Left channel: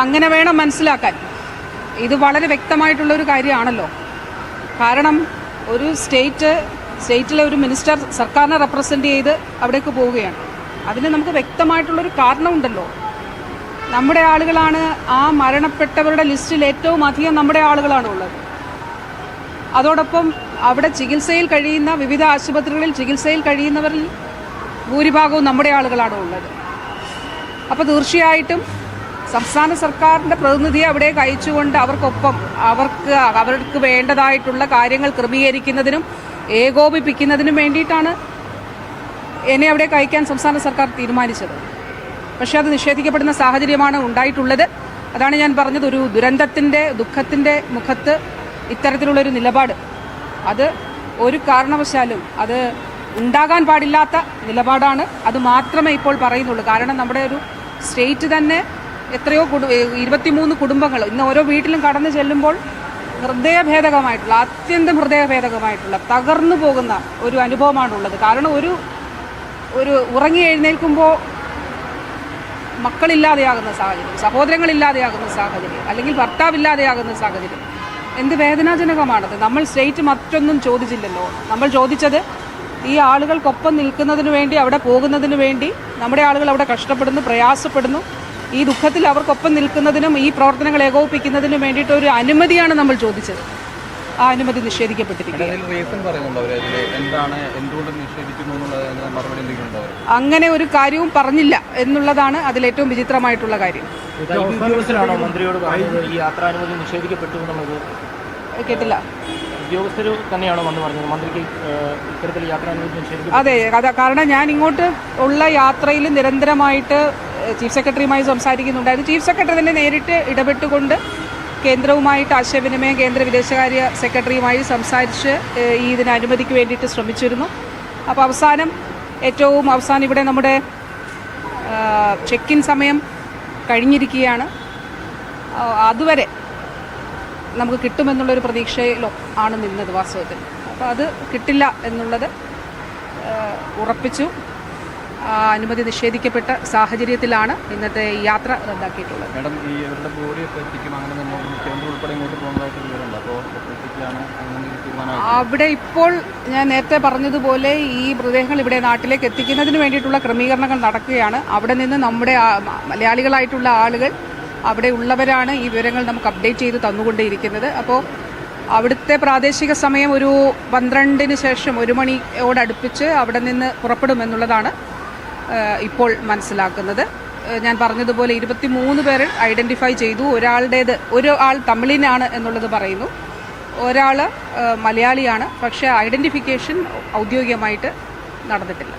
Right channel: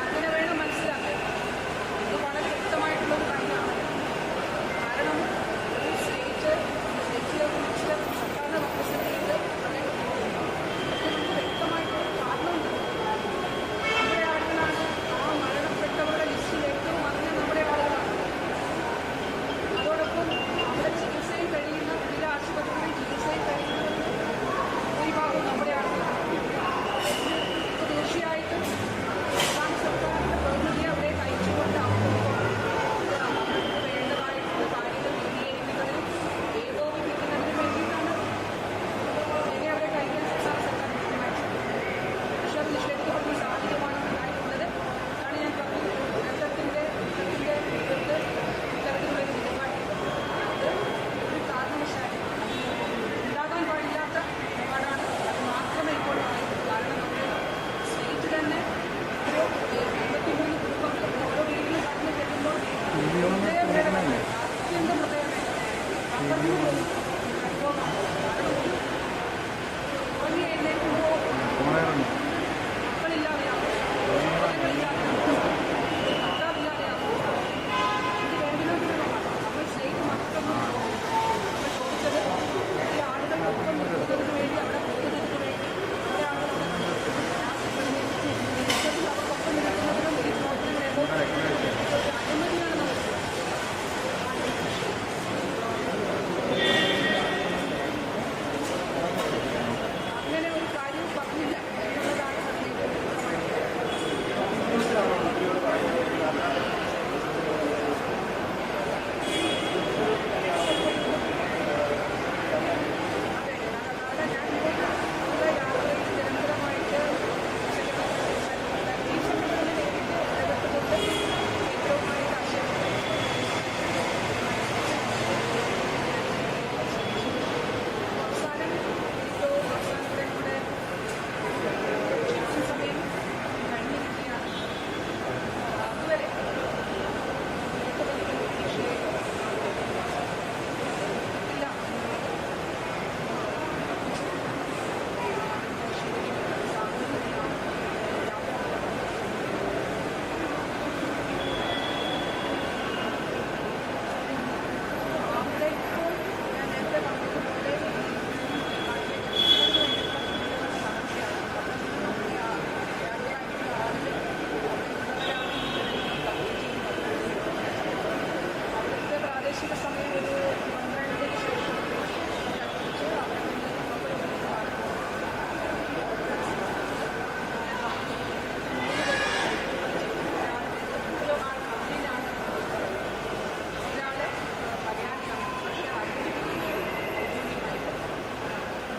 അങ്ങനെ വേണം മനസ്സിലാക്കാൻ. ഇത് വളരെ വ്യക്തമായിട്ടുള്ള ഒരു കാര്യമാണല്ലോ. കാരണം ഒരു സ്റ്റേറ്റ് സ്റ്റേറ്റിലെ ഒരു മിനിസ്റ്റർ സർക്കാരിനെ റെപ്രസെന്റ് ചെയ്ത് അവിടേക്ക് പോവുകയാണ്. അതിന് നമുക്ക് വ്യക്തമായിട്ടുള്ളൊരു കാരണമുണ്ടല്ലോ. നമ്മുടെ ആളുകളാണ് ആ മരണപ്പെട്ടവരുടെ ലിസ്റ്റിൽ ഏറ്റവും അധികം നമ്മുടെ ആളുകളാണ് ഉള്ളത്. അതോടൊപ്പം അവിടെ ചികിത്സയിൽ കഴിയുന്ന വിവിധ ആശുപത്രികളിൽ ചികിത്സയിൽ കഴിയുന്നവരിൽ ഭൂരിഭാഗവും നമ്മുടെ ആളുകളാണ് ഉള്ളത്. അപ്പോൾ തീർച്ചയായിട്ടും സംസ്ഥാന സർക്കാരിന്റെ പ്രതിനിധിയെ അവിടെ അയച്ചുകൊണ്ട് അവർക്കൊപ്പം അവർക്ക് അവർക്ക് വേണ്ടതായിട്ടുള്ള കാര്യങ്ങൾ ക്രമീകരിക്കുന്നതിനും ഏകോപിപ്പിക്കുന്നതിനും വേണ്ടിയിട്ടാണ് എന്നെ അവിടെ അയക്കാൻ സംസ്ഥാന സർക്കാർ തീരുമാനിച്ചത്. പക്ഷേ അത് നിഷേധിക്കപ്പെടുന്ന സാഹചര്യമാണ് ഉണ്ടായിട്ടുള്ളത്. അതാണ് ഞാൻ പറഞ്ഞത്. ഒരു ദുരന്തത്തിന്റെ ദുഃഖത്തിന്റെ മുഖത്ത് ഇത്തരത്തിലുള്ളൊരു നിലപാട്. അത് ഒരു കാരണവശാലും അത് ഉണ്ടാകാൻ പാടില്ലാത്ത നിലപാടാണ്. അത് മാത്രമേ ഇപ്പോൾ പറയുന്നുള്ളൂ. കാരണം നമ്മുടെ ഒരു സ്റ്റേറ്റ് തന്നെ എത്രയോ കുടു ഇരുപത്തിമൂന്ന് കുടുംബങ്ങൾ ഇന്ന് ഓരോ വീട്ടിലും കടന്നു ചെല്ലുമ്പോൾ ഹൃദയഭേദകമായിട്ടുള്ള അത്യന്തം ഹൃദയഭേദകമായിട്ടുള്ള തകർന്നു പോകുന്ന ഒരു അനുഭവമാണുള്ളത്. കാരണം ഒരു ഒരു ഉറങ്ങി എഴുന്നേൽക്കുമ്പോൾ മക്കളില്ലാതെയാകുന്ന സാഹചര്യം സഹോദരങ്ങളില്ലാതെയാകുന്ന സാഹചര്യം അല്ലെങ്കിൽ ഭർത്താവില്ലാതെയാകുന്ന സാഹചര്യം എന്ത് വേദനാജനകമാണത്? നമ്മൾ സ്റ്റേറ്റ് മറ്റൊന്നും ചോദിച്ചില്ലല്ലോ. നമ്മൾ ചോദിച്ചത് ഈ ആളുകൾക്കൊപ്പം നിൽക്കുന്നതിന് വേണ്ടി അവിടെ പോകുന്നതിന് വേണ്ടി നമ്മുടെ ആളുകൾ അവിടെ കഷ്ടപ്പെടുന്നു പ്രയാസപ്പെടുന്നു ഈ ദുഃഖത്തിൽ അവർക്കൊപ്പം നിൽക്കുന്നതിനും ഈ പ്രവർത്തനങ്ങൾ ഏകോപിപ്പിക്കുന്നതിനും വേണ്ടിയിട്ട് ഒരു അനുമതിയാണ് നമ്മൾ ചോദിച്ചത്. ആ അനുമതി നിഷേധിക്കപ്പെട്ടിരിക്കുന്നത് അതിൽ അങ്ങനെ ഒരു കാര്യവും പറഞ്ഞില്ല എന്നുള്ളതാണ് അതിലേറ്റവും വിചിത്രമായിട്ടുള്ള കാര്യം. കേട്ടില്ല. അതാ കാരണം ഞാൻ ഇങ്ങോട്ട് ഉള്ള യാത്രയിൽ നിരന്തരമായിട്ട് ചീഫ് സെക്രട്ടറിയുമായി സംസാരിക്കുന്നുണ്ടായിരുന്നു. ചീഫ് സെക്രട്ടറി തന്നെ നേരിട്ട് ഇടപെട്ടുകൊണ്ട് കേന്ദ്രവുമായിട്ട് ആശയവിനിമയം കേന്ദ്ര വിദേശകാര്യ സെക്രട്ടറിയുമായി സംസാരിച്ച് ഈ ഇതിന് അനുമതിക്ക് വേണ്ടിയിട്ട് ശ്രമിച്ചിരുന്നു. അപ്പോൾ അവസാനം ഏറ്റവും അവസാനം ഇവിടെ നമ്മുടെ ചെക്ക് ഇൻ സമയം കഴിഞ്ഞിരിക്കുകയാണ്. അതുവരെ നമുക്ക് കിട്ടുമെന്നുള്ളൊരു പ്രതീക്ഷയിലോ ആണ് നിന്നത് വാസ്തവത്തിൽ. അപ്പോൾ അത് കിട്ടില്ല എന്നുള്ളത് ഉറപ്പിച്ചു. അനുമതി നിഷേധിക്കപ്പെട്ട സാഹചര്യത്തിലാണ് ഇന്നത്തെ യാത്ര റദ്ദാക്കിയിട്ടുള്ളത്. അവിടെ ഇപ്പോൾ ഞാൻ നേരത്തെ പറഞ്ഞതുപോലെ ഈ മൃതദേഹങ്ങൾ ഇവിടെ നാട്ടിലേക്ക് എത്തിക്കുന്നതിന് വേണ്ടിയിട്ടുള്ള ക്രമീകരണങ്ങൾ നടക്കുകയാണ്. അവിടെ നിന്ന് നമ്മുടെ മലയാളികളായിട്ടുള്ള ആളുകൾ അവിടെ ഉള്ളവരാണ് ഈ വിവരങ്ങൾ നമുക്ക് അപ്ഡേറ്റ് ചെയ്ത് തന്നുകൊണ്ടേയിരിക്കുന്നത്. അപ്പോൾ അവിടുത്തെ പ്രാദേശിക സമയം ഒരു പന്ത്രണ്ടിന് ശേഷം ഒരു മണിയോടടുപ്പിച്ച് അവിടെ നിന്ന് പുറപ്പെടുമെന്നുള്ളതാണ് ഇപ്പോൾ മനസ്സിലാക്കുന്നത്. ഞാൻ പറഞ്ഞതുപോലെ ഇരുപത്തി മൂന്ന് പേർ ഐഡന്റിഫൈ ചെയ്തു. ഒരാളുടേത് ഒരു ആൾ തമിഴിനാണ് എന്നുള്ളത് പറയുന്നു. ഒരാൾ മലയാളിയാണ്. പക്ഷേ ഐഡന്റിഫിക്കേഷൻ ഔദ്യോഗികമായിട്ട് നടന്നിട്ടില്ല.